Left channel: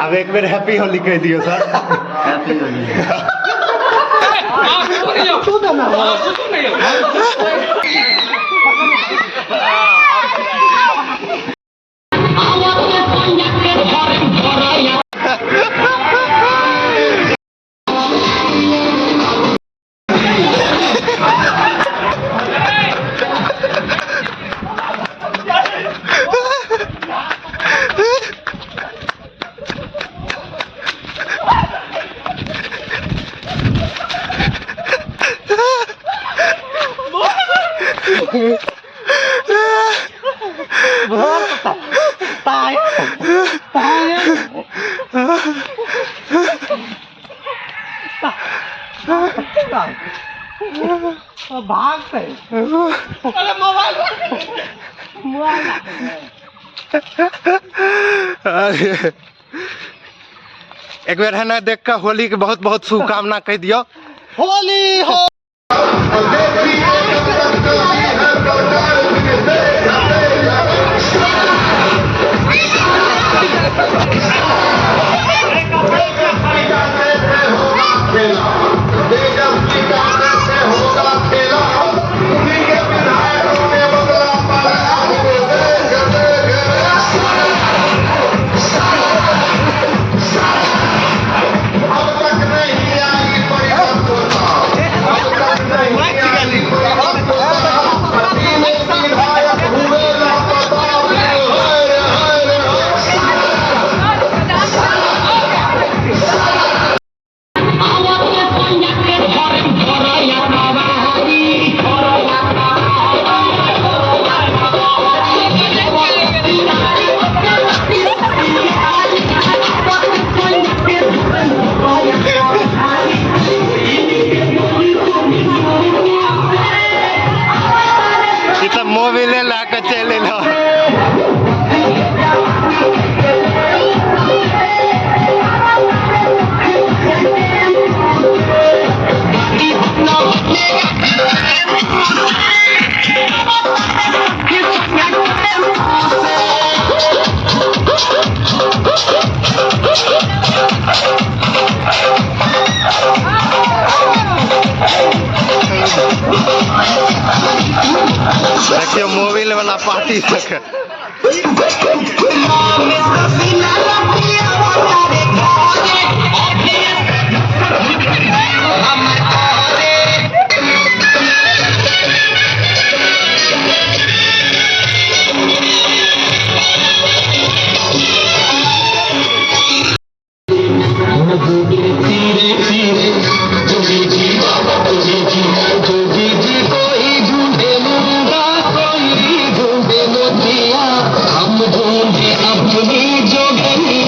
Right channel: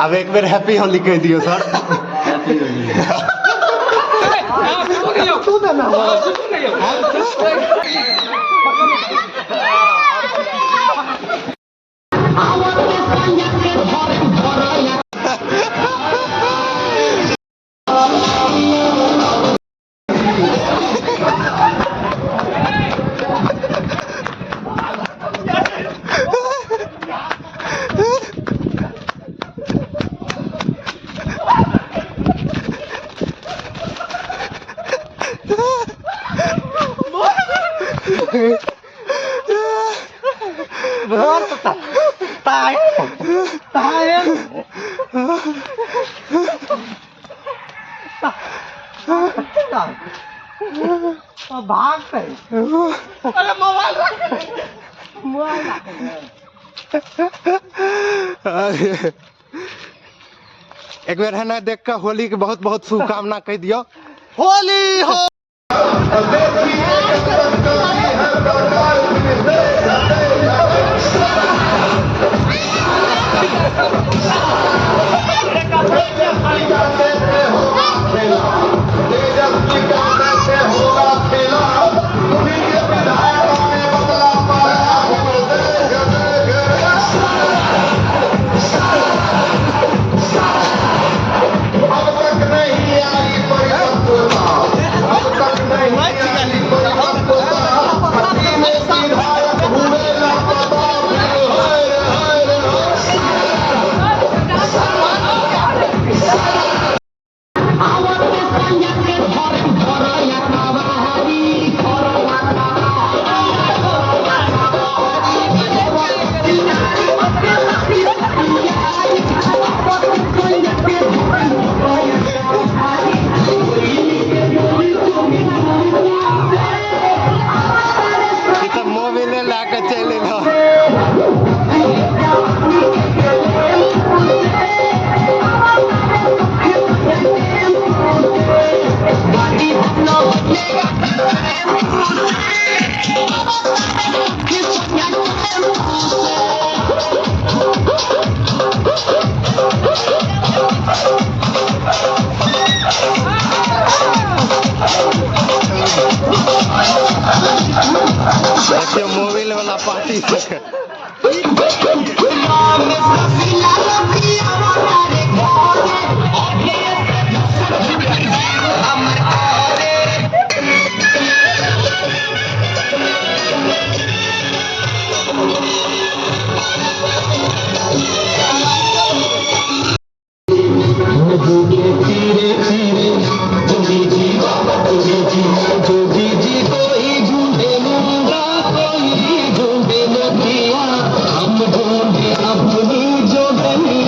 अब एक बार हैप्पी होली कह दियो सर। हैप्पी होली। तू ना ना ताई भागते अरे मोबाइल एक बार है ना देख कर होली के बहुत बहुत शुभकामना कह दियो। होली हो मोबाइल ला कर चले लो। देखियो मोबाइल वाला पार्टी तक हम ढूंढे अपनी जोगनी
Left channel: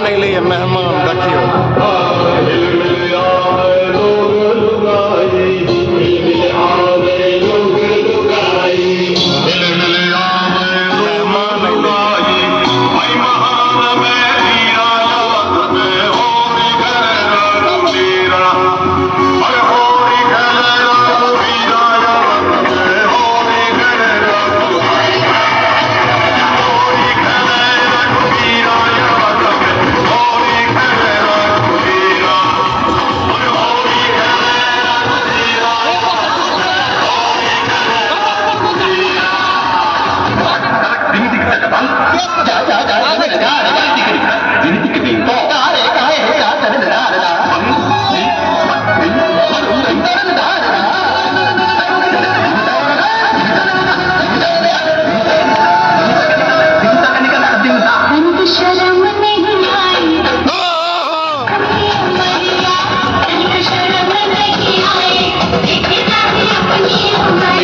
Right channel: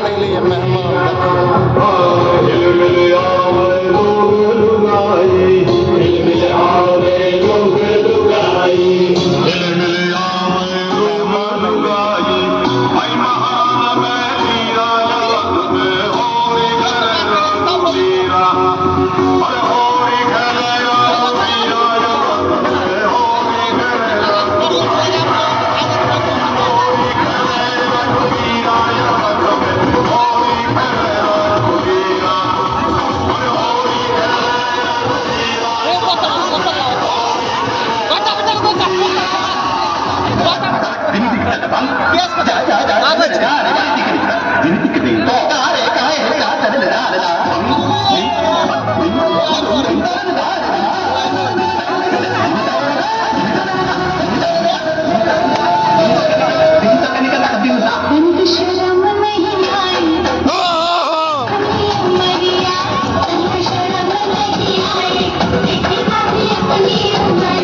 मेहमान अइले मेहमान देखियो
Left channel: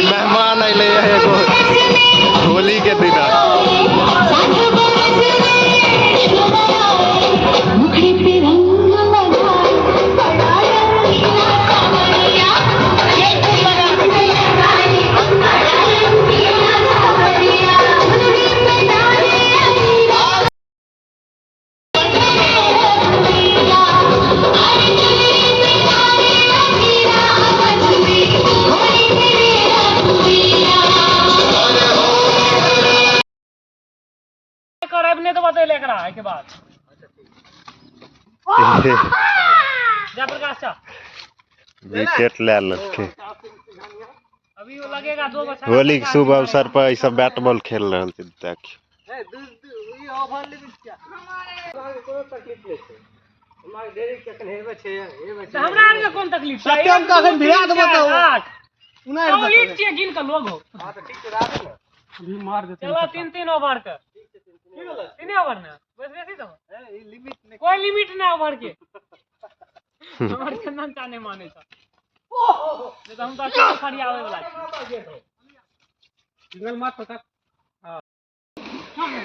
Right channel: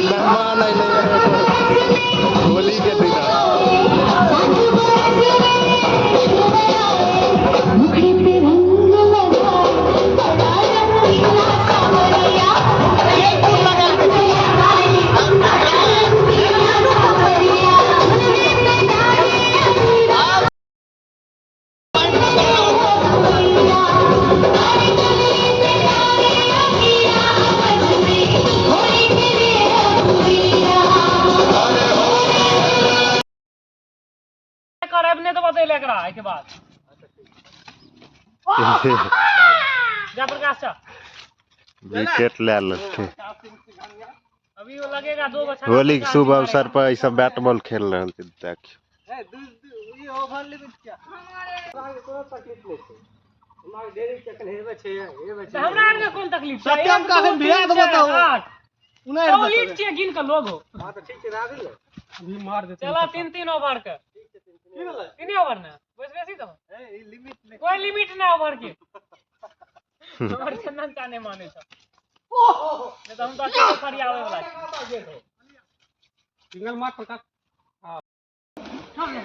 मेहमान अइले एगो होली के दिन ने तो बता लेकर आए के बाद जा प्रकाश चा विकेट ले लखे अभी वो लगेगा 2 बच्चा होली के शुभ अवसर पर ई सब बैट बॉल खेल रहल छै देखियो ई ओवर लिमिट क्या हमारे कोई तकलीफ नहीं है हमारे देरी कखन हेबे छै हेबे छै हमरा आर में कोन तकलीफ छै सत्यम का अखन बियाह बताओ उना तो लीड छै गिन के लोग हो हां तो ठीक छै राखू अभी मार देते चलो 3-3 ओवर का की बोला 3 ओवर ना बस बेसी तो ए लिमिट नहीं कोई लिमिट ना ओवर के हमर चंदन चाने माने छ नहीं तो हम तो खड़ी आवे वाला छी सिंगल मार पकड़ हां पकड़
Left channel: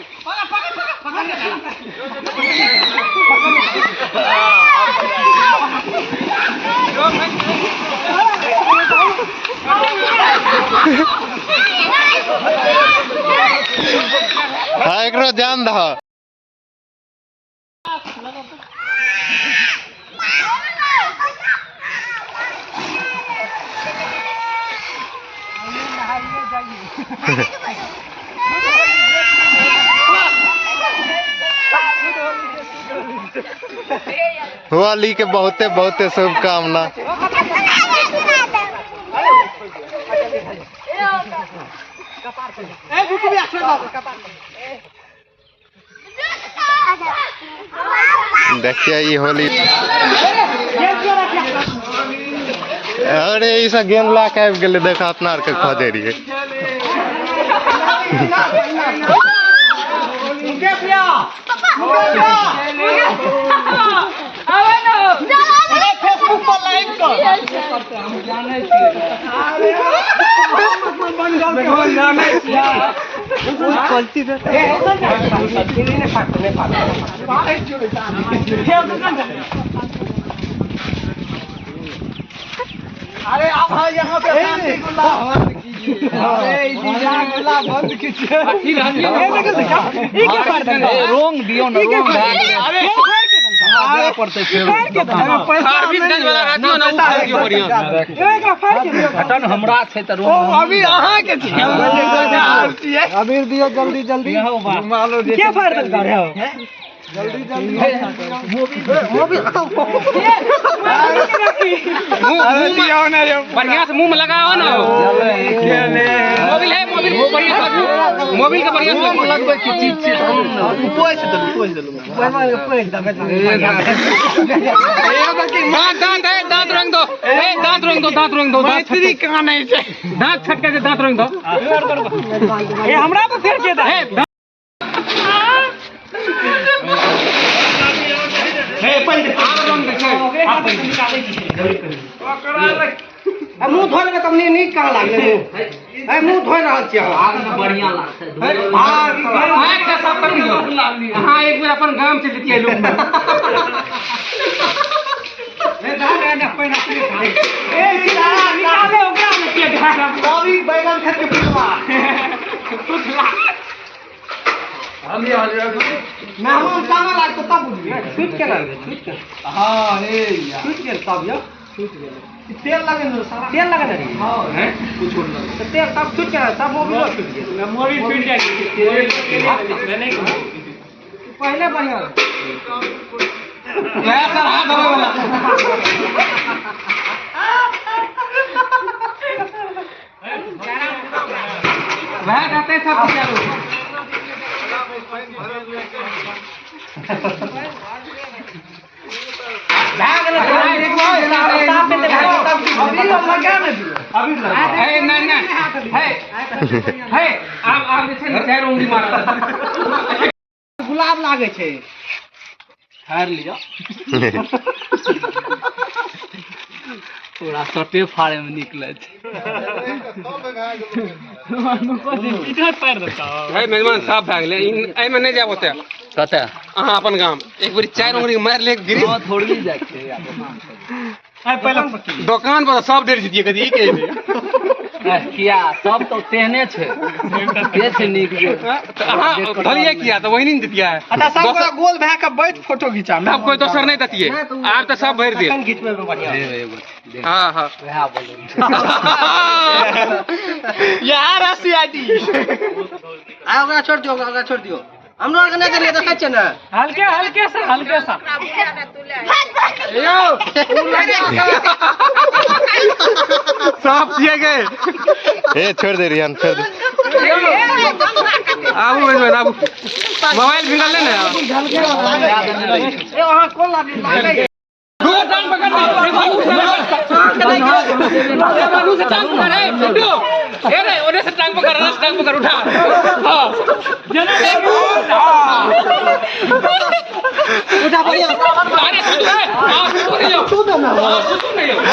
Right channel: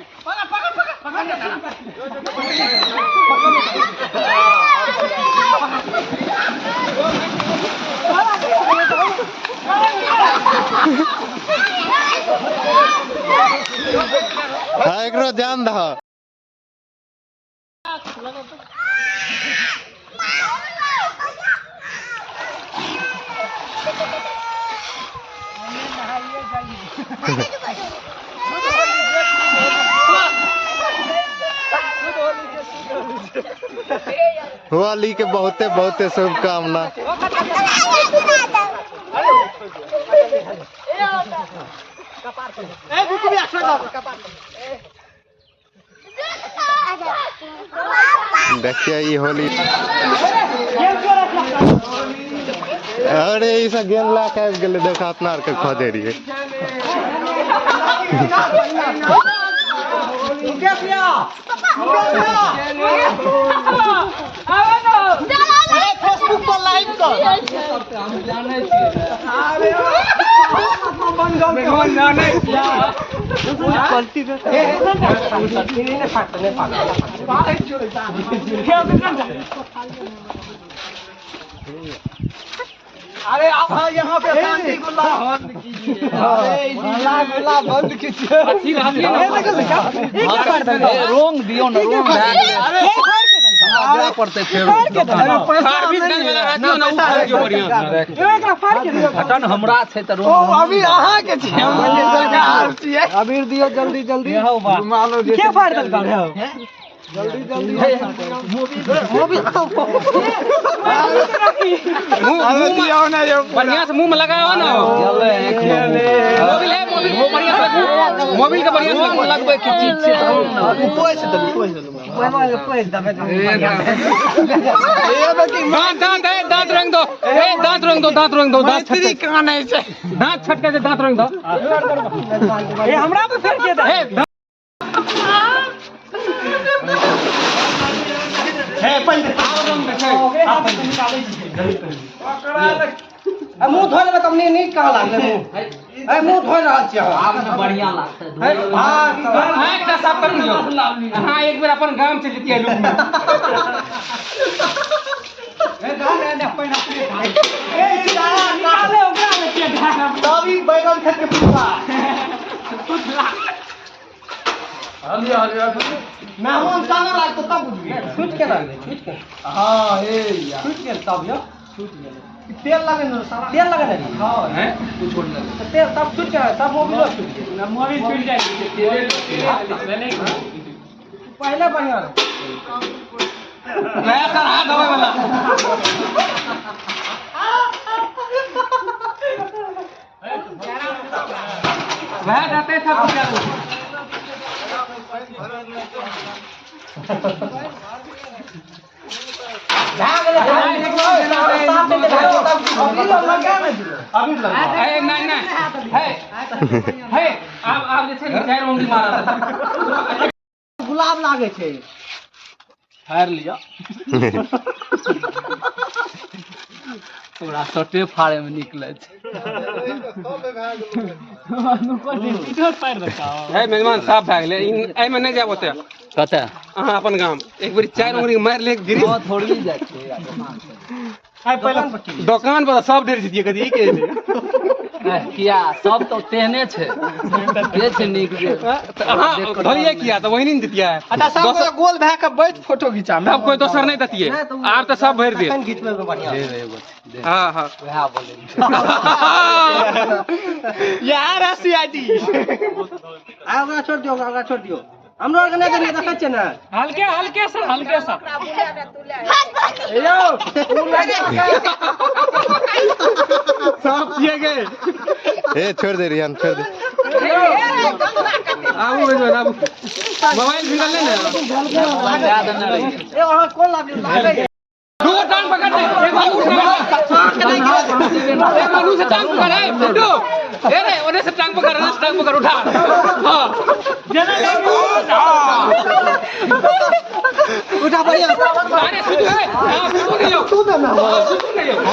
हाँ एकरो ध्यान दह होली के बहुते बहुते शुभकामना देखिए ये होली अरे ऐसा गेम ला के आबि गेलै देखा अपना आर के खोदे रहिए फेसबुक पर लाइव कर हम जाने छियै अरे बन जाओ के हम जाने छियै गलती रे ने फाटने पाए जोड़े अरे आप यहाँ पे शांति गुल्ला कीजिए अरे गुल्ला बंद कीजिए अच्छी रोंग दियो ना रोंग अरे हमारा पड़ते फिर सर्विस गन वाला रहतियो ना उठा के बढ़िया एकरा फाड़ के घटन हमरा छै त रोंग अभी अहाँ के छियै अबीर दियो जल्दी जल्दी मानो जे के फाड़ देल है जल्दी जल्दी मोबिल दियो ना ये बढ़िया से मुंह में लगाओ ना मोबिल है मोबिल के बढ़िया से लगबे की चीज छै अभी पोछ दलू पोछ दबे ये बाकी दांत रंग दो दांत रंग दो मैत्री काने छै दांत छटके के दांत रंग दो ए हमरा पे फेर के दा हे पहिले आव रंग देखे आप निकाले छी जल्दी कर मुंह धोले में तब नीक कहां लागले मुंह मुंह धोइ रहल छी बढ़िया लागतै सब कर दियो हां एक बेर अपन गाम से लेतियै लोग निकाले ओकरा में के ढाका तभी बैगन खट के पीवा मेहमान साना लागतो तब बुझिए छूट के लागै छूट के हां हे यार छूट गेल तब यो छूट गेल तेल लगे न सारा तेल लगे रे हां हैं कुछ छोड़ ना तो तेल तब छूट गया तब मोबिल छूट गया मोबिल छूट जाए तेल नहीं पहले बढ़िया नया सर हाथ धोए वाला वह कहते सब क्या लोग गुलाब लागे छे हार लिया थोड़ा सटे फाड़े में निकले छे मेजबान साफ भए गेलै एहि में नहीं जाब ओते कते अहाँ अपन गाम एक बार 4 उंगली मार ले गिरी थोड़ी जाय छै आइ पहला दुकान पर सब डेर जीतिए कदी के किया सब तो तेहने छे के छे नीक जे धरिए किया तो वही नहीं दितिया अच्छा सब गोल भए के बैठ फोटो घिचा अब कोई दोसर नहीं दतिए आब तो सब भर दे एखन घिचबे में बढ़िया हां हां वह बोले यार रसिया जी आ ओकरा छोड़ दियो हम लोग ने करिए देखै छै ना हल्के सा यो साफ किए गए ए छोड़ दे रियान छोड़ दे आबू मेजबान आबू मोबाइल गिरा ले ना ए वहां कौन लागे दो टांग पकड़ एक बाबू से टांग पकड़ ए फुटू ए रे ओने से टांग पकड़ उठा हां उठा बढ़िया अरे हां तू नहीं हो